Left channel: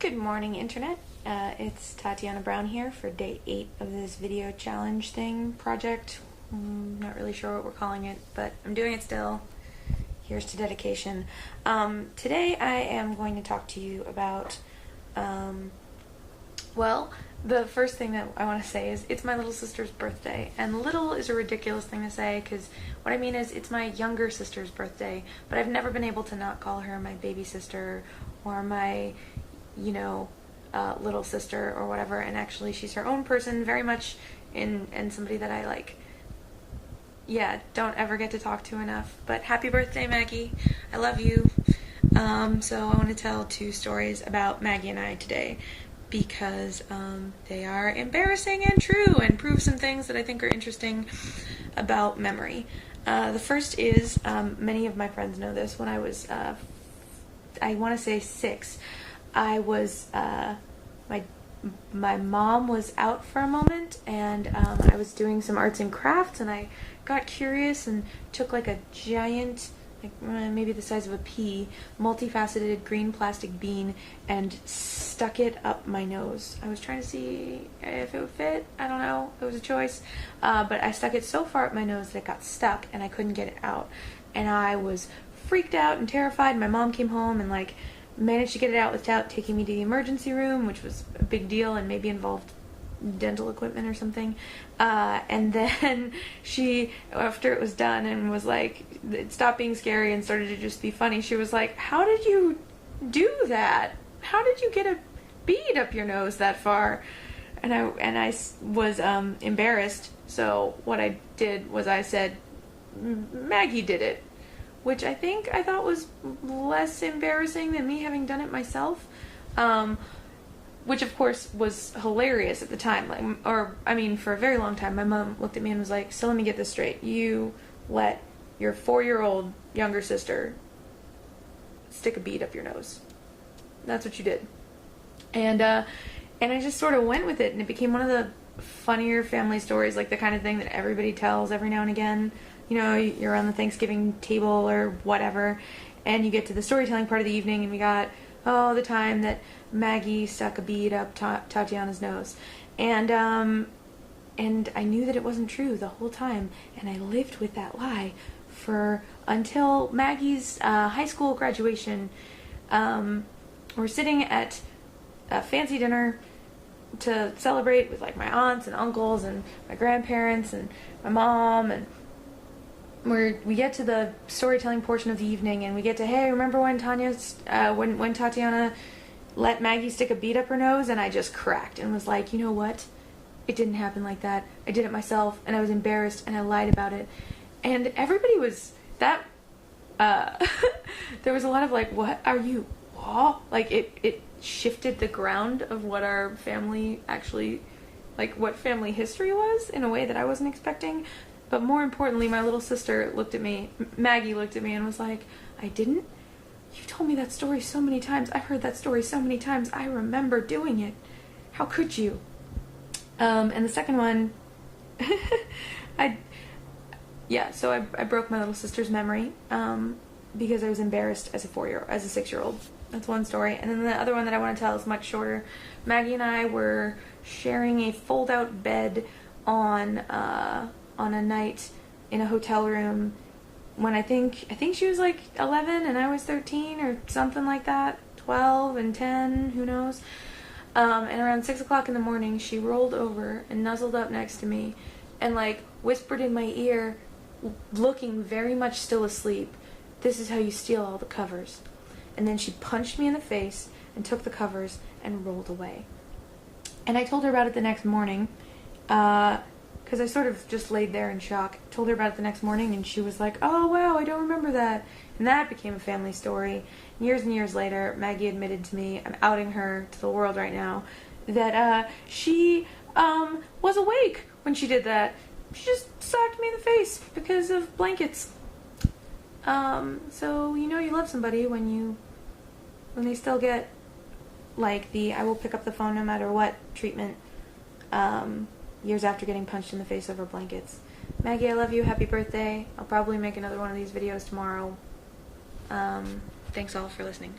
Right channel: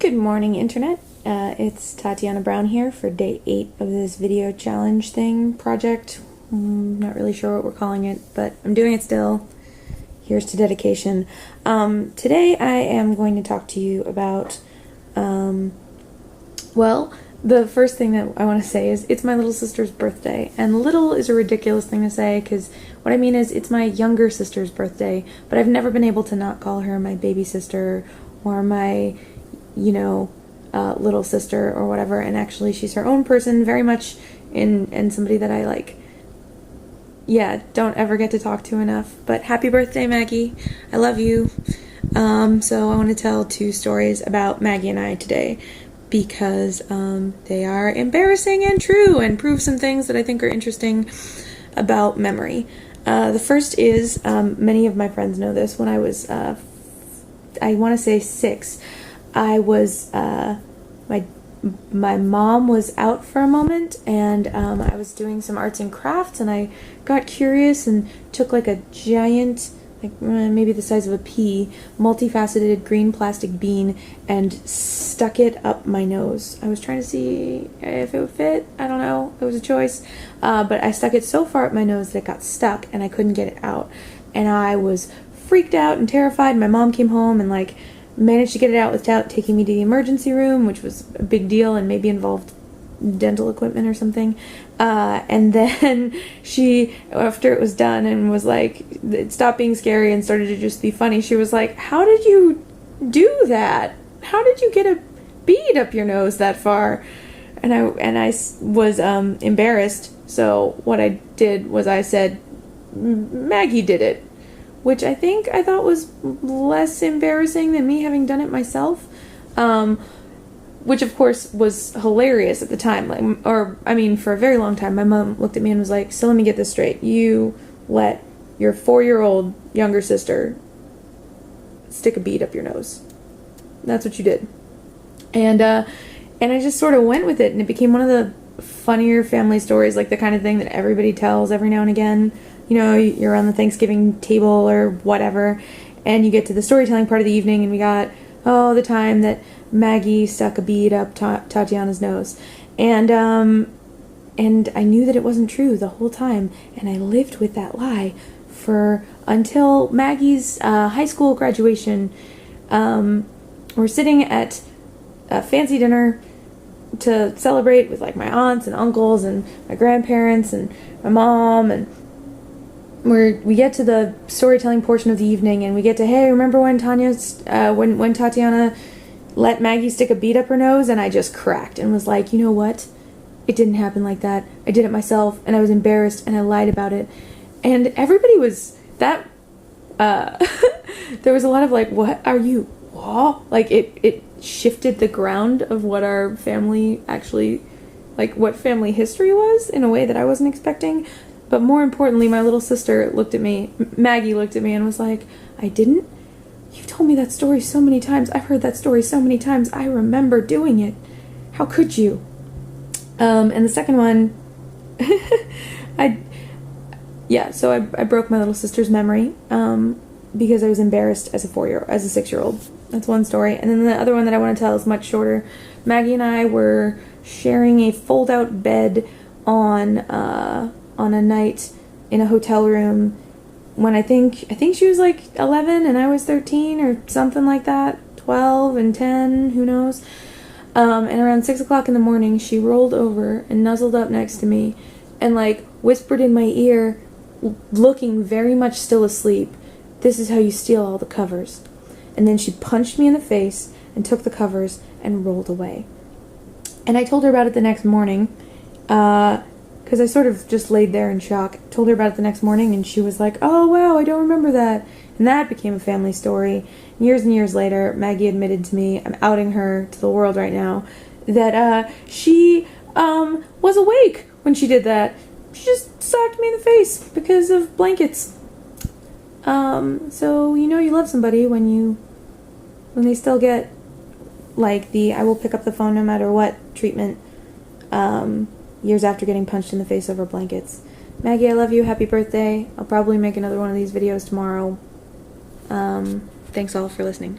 Good morning, Internet. It's Tatiana Brown here for day 8 of this video challenge project. Not really sure what we're calling it, but I'm doing it still. Here's to dedication. Today I am going to talk to you about, well, the first thing that I want to say is it's my little sister's birthday. And little is a ridiculous thing to say because what I mean is it's my younger sister's birthday, but I've never been able to not call her my baby sister or my little sister or whatever, and actually she's her own person, very much and somebody that I don't ever get to talk to enough. But happy birthday, Maggie. I love you. So I want to tell 2 stories about Maggie and I today because they are embarrassing and true and prove some things that I think are interesting about memory. The first is, many of my friends know this, when I was, I want to say 6, I was, my mom was out for a moment, and I was doing some arts and crafts, and I got curious and took a giant, maybe the size of a pea, multifaceted green plastic bean and stuck it up my nose. I was trying to see if it would fit. I don't know. It was a choice. But I stuck it so far up my nose that it got stuck and I couldn't get it out. And I was freaked out and terrified. My mom came home and managed to get it out without taking me to the emergency room, which was a big deal and maybe involved dental equipment or something. And then she, after it was done and was it stopped being scary and started to just be funny, she was like, "How did you do that? How did you get a bead up your nose that far?" And I was embarrassed. So what I did was I said, "Maggie did it," which I thought was less embarrassing than me having done it myself, which of course was hilarious at the time. For a very long time, my mom looked at me and was like, "So let me get this straight. You let your 4-year-old younger sister stick a bead up your nose. That's what you did." And I just sort of went with it, and it became one of the funnier family stories, the kind of thing that everybody tells every now and again. You're on the Thanksgiving table or whatever, and you get to the storytelling part of the evening, and we got, the time that Maggie stuck a bead up Tatiana's nose. And I knew that it wasn't true the whole time, and I lived with that lie until Maggie's high school graduation. We're sitting at a fancy dinner to celebrate with my aunts and uncles and my grandparents and my mom, and we get to the storytelling portion of the evening, and we get to, "Hey, remember when when Tatiana let Maggie stick a bead up her nose?" And I just cracked and was like, "You know what? It didn't happen like that. I did it myself, and I was embarrassed, and I lied about it." And everybody was there was a lot of "What are you? What?" It shifted the ground of what our family actually, what family history was, in a way that I wasn't expecting. But more importantly, my little sister Maggie looked at me and was like, "I didn't? You've told me that story so many times. I've heard that story so many times. I remember doing it. How could you?" And the second one, so I broke my little sister's memory, because I was embarrassed as a 6-year-old. That's one story. And then the other one that I want to tell is much shorter. Maggie and I were sharing a fold-out bed on a night in a hotel room when I think she was 11 and I was 13 or something like that, 12 and 10, who knows. And around 6 o'clock in the morning, she rolled over and nuzzled up next to me and whispered in my ear, looking very much still asleep, "This is how you steal all the covers." And then she punched me in the face and took the covers and rolled away. And I told her about it the next morning, because I sort of just laid there in shock. Told her about it the next morning, and she was like, "Oh, wow, I don't remember that." And that became a family story. Years and years later, Maggie admitted to me, I'm outing her to the world right now, that she was awake when she did that. She just socked me in the face because of blankets. So you love somebody when they still get the "I will pick up the phone no matter what" treatment, years after getting punched in the face over blankets. Maggie, I love you. Happy birthday. I'll probably make another one of these videos tomorrow. Thanks all for listening.